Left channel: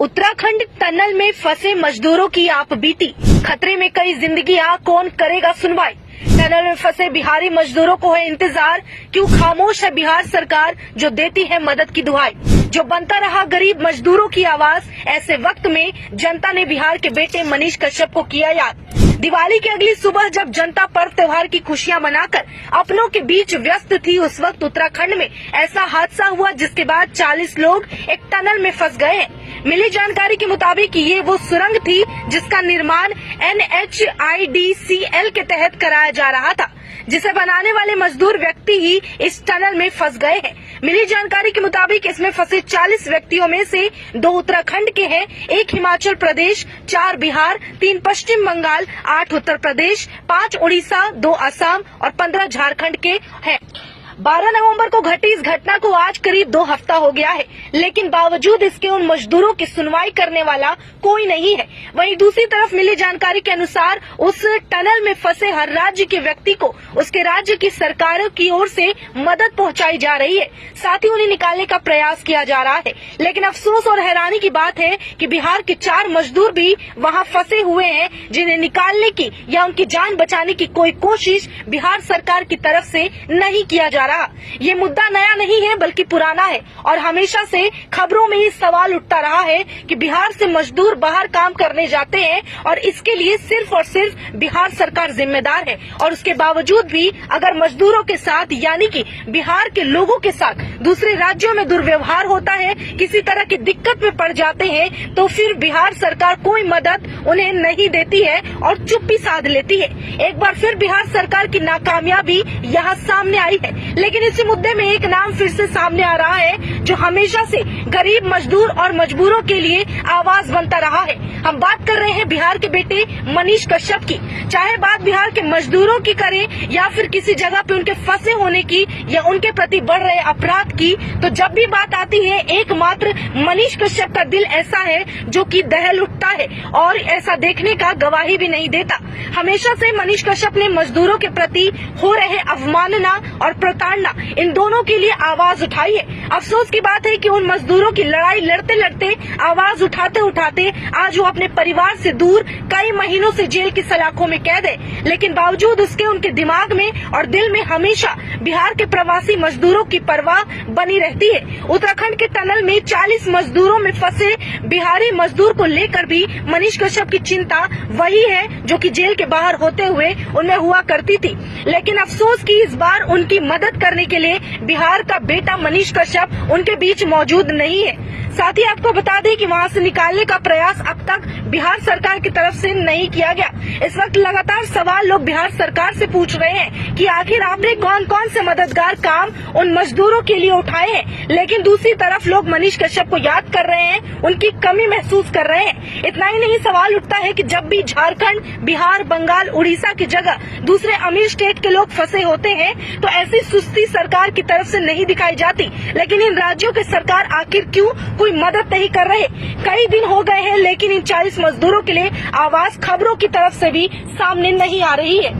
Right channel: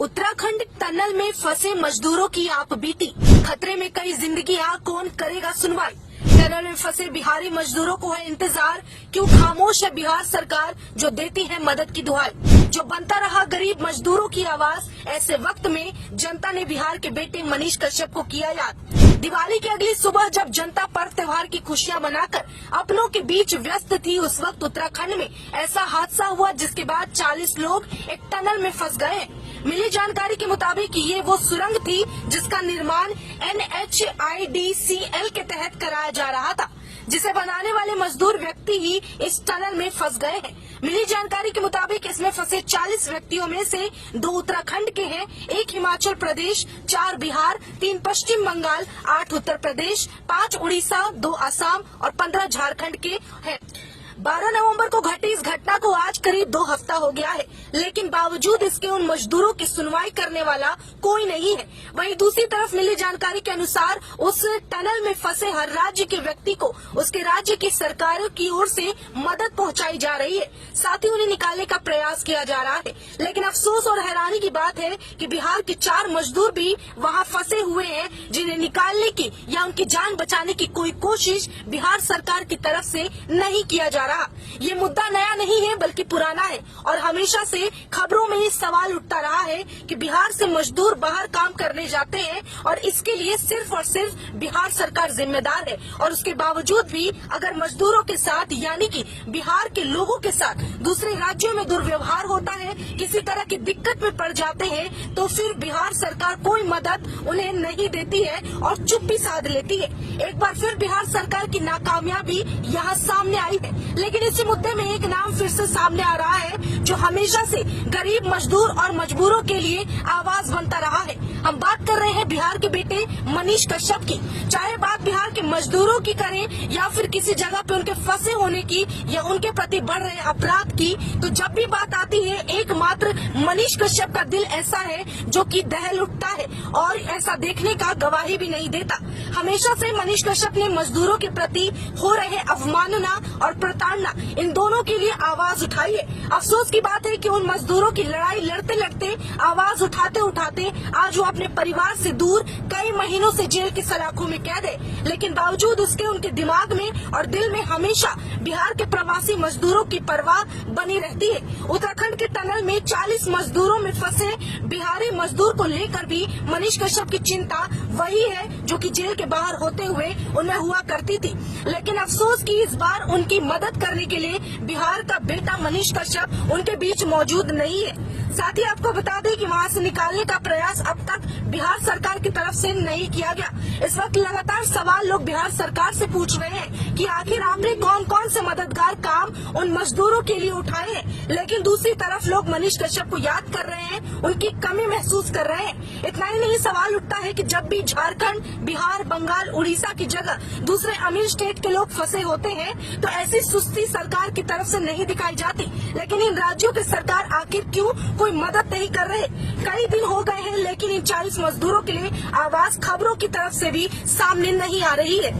Uttarakhand tunnel में फंसे मजदूरों की आप बीती, खतरे में कई जिंदगियां, कौन करेगा सुनवाई। टनल में फंसे बिहारी मजदूरों को है इंतजार, क्यों खामोश है बिहार सरकार जो देती है मदद की दुहाई। जो बनता रहा गरीब मजदूरों की आवाज, ऐसे वक्त में जनता ने बिहार के बेटे मनीष कश्यप को किया याद। दिवाली की अगली सुबह जब जनता पर्व त्योहार की खुशियां मनाकर अपनों के बीच व्यस्त थी, उस वक्त उत्तराखंड में ऐसा हादसा हुआ जिसके बाद 40 लोग एक टनल में फंस गए हैं। मिली जानकारी के मुताबिक ये वो सुरंग थी जिसका निर्माण NHIDCL के तहत कराया जा रहा था, जिसे बनाने वाले मजदूर व्यक्ति ही इस टनल में फंस गए हैं। मिली जानकारी के मुताबिक इसमें फंसे 40 व्यक्तियों में से 2 उत्तराखंड के हैं, 1 हिमाचल प्रदेश, 4 बिहार, 3 पश्चिम बंगाल, 8 उत्तर प्रदेश, 5 उड़ीसा, 2 असम और 15 झारखंड के हैं। 12 नवंबर को घटी इस घटना को आज करीब 2 हफ्ता हो गया है, लेकिन बावजूद इसके उन मजदूरों की सुनवाई करने वाला कोई नहीं है। वहीं दूसरी तरफ मिली जानकारी के अनुसार उस टनल में फंसे हर राज्य के व्यक्ति को उसके राज्य की सरकारों की ओर से मदद पहुंचाई जा रही है, साथ ही उन्हें निकालने का प्रयास किया जा रहा है। लेकिन अफसोस और हैरानी की बात है कि बिहार के 4 मजदूर भी वहां फंसे हुए हैं, जिन्हें निकालने की या उनकी जान बचाने की कोई कोशिश बिहार सरकार की तरफ से नहीं किया जा रहा। ये मुद्दा नया नहीं है बल्कि पुराना है और हमेशा से खबरों में ही सवाल उठता रहा है कि बिहार से मजदूर बाहर काम करने जाते हैं और इसके लिए सिर्फ और सिर्फ बिहार सरकार जिम्मेदार है। और उसके बावजूद भी अगर मजदूरों के साथ यानी कि बिहार के लोगों के साथ दूसरे राज्यों में दुर्व्यवहार होता है, किसी तरह की दिक्कत में पड़ जाते हैं, तो फिर बिहार सरकार कोई मदद उन्हें नहीं देती है और चुप्पी साध लेती है। एक बार फिर बिहार सरकार की नाकामयाबी यहाँ सामने आई है, लेकिन इसी मुद्दे में एक नाम फिर से सामने आ रहा है जो हमेशा से गरीब मजदूर और मजबूरों के लिए आवाज बनता रहा है। हम बात कर रहे हैं बिहार के बेटे मनीष कश्यप की। चाहे बात बिहार के मजदूरों की करें या फिर किसी जगह पे उनके फंसे होने की या उनके प्रति बढ़ रहे अपराध की, तो जब भी बात आती है एकमात्र मनीष कश्यप का दिल ऐसा है जो कि दहल उठता है और ऐसा देखने का गवाही भी नहीं देता। हमेशा से मनीष कश्यप ने मजदूरों के प्रति हो रहे अवमानना और प्रताड़ना, इन दोनों के लिए आवाज उठाई है। अफसोस की बात है कि उन मजदूरों की लड़ाई लड़ते लड़ते, आवाज उठाते उठाते आज वो अपने परिवार से दूर कई महीनों से जेल की सलाखों में कैद है, लेकिन बावजूद उसके उनके दिमाग में और दिल में हमेशा बिहार के प्रवासी मजदूरों की परवाह बनी रहती है। उत्तराखंड के टनल में 40 मजदूरों में फंसे बिहारी मजदूर को लेकर भी मनीष कश्यप की चिंता वही है जो कि जेल के बाहर होते हुए उनमें हुआ करती थी। लेकिन अफसोस कि इस बार उनकी मदद करने के लिए बिहार का बेटा मनीष कश्यप उनके बीच मौजूद नहीं है। साथ ही आपको बता दें कि वहां से निकालने का प्रयास अब तक बिहार सरकार की तरफ से नहीं किया गया। इस वक्त लगातार सवाल लोग बिहार सरकार से पूछ रहे हैं कि आखिर आपने कौन कौन से मददगार काम उन मजदूरों के लिए उठाए हैं, लेकिन दूसरी तरफ लोग मनीष कश्यप को याद कर रहे हैं, उनकी कमी महसूस कर रहे हैं। इतना ही नहीं, सवाल उठता है कि जब भी झारखंड, बिहार, बंगाल, उड़ीसा की जगह दूसरे अमीर स्टेट के लोग फंसे होते हैं तो ऐसी सुस्ती सरकार की तरफ से नहीं दिखाई जाती, लेकिन इन राज्यों के सरकार आखिर क्यों कोई मदद नहीं कर रहे। कई दिन हो गए हैं लेकिन इन 40 मजदूरों के लिए आवाज खबरों की तरफ से भी सामने नहीं आ रही है।